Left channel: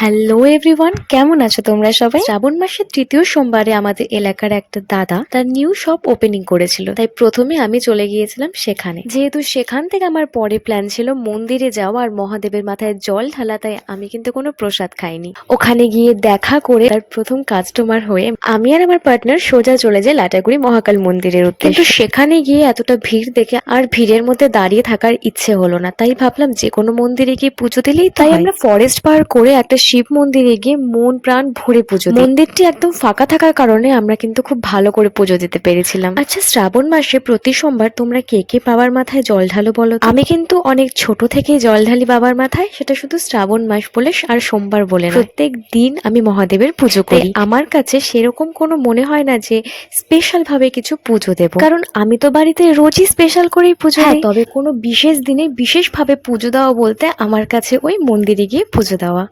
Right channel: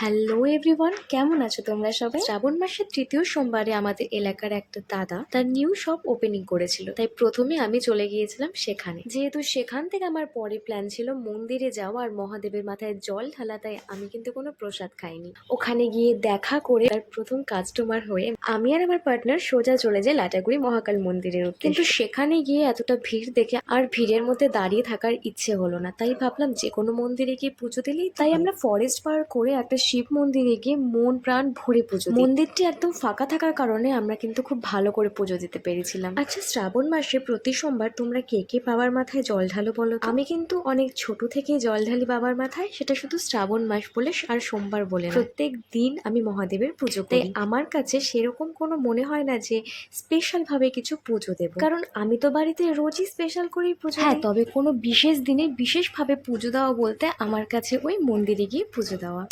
Hello everyone, কেমন আছো তোমরা সবাই? শ্রাবণ মাসের তৃতীয় সোমবারে আমাদের এলাকার একটা দাদা তার নিউ শপ ওপেনিং করেছিল, তাই প্রথমে আমি চলে গিয়েছিলাম সেখানে। যেহেতু সেখান থেকে আমার পরে প্ল্যান ছিল মন্দিরে যাওয়া আর মহাদেবের মাথায় জল ঢালা, তাই আমি কিন্তু কোনো প্রসাদ খাইনি। ওখানে গিয়ে দেখা করে তার প্রথম কাস্টমার হয়ে আমি আর আমার পার্টনার সোজা চলে যাই লাটাগুড়ি মহাকাল মন্দিরের উদ্দেশ্যে। কিন্তু সেখানে গিয়ে এতটা ভিড় দেখে আর ভিড়ের মধ্যে দাঁড়িয়ে থাকার ইচ্ছে হলো না, তাই ভাবলাম যে কোনো মন্দিরে গিয়ে পুজো দিলেই। তাই আমরা ফরেস্ট পার করে একটা শিব মন্দিরে গিয়ে মন প্রাণ ভরে পুজো দিই। মন্দিরটি একদম ফাঁকা থাকার কারণে আমরা কিন্তু খুব ভালো করে পুজো দিতে পেরেছিলাম। আচ্ছা, শ্রাবণ মাসে প্রতি সোমবার তোমরা কে কে বাবার মাথায় জল ঢালো বলো তো? আমি কিন্তু অনেক ছোট থেকেই জল ঢালি বাবার মাথায়, সেটা শুধু শ্রাবণ মাস বলে আর সোমবার বলে না, প্রত্যেক দিন আমি মহাদেবের পুজো করি। আমার কাছে সেরকম কোনো মনে হয় না যে স্পেশাল ভাবে কিছু পুজো দেব, কারণ আমি তো বাড়িতে রোজই স্পেশাল করেই পুজো দিই। তবে কোনো বিশেষ দিনে বিশেষ ভাবে পুজো দেওয়া বলতে আমার কাছে ওই মন্দিরে গিয়ে পুজো দেওয়া।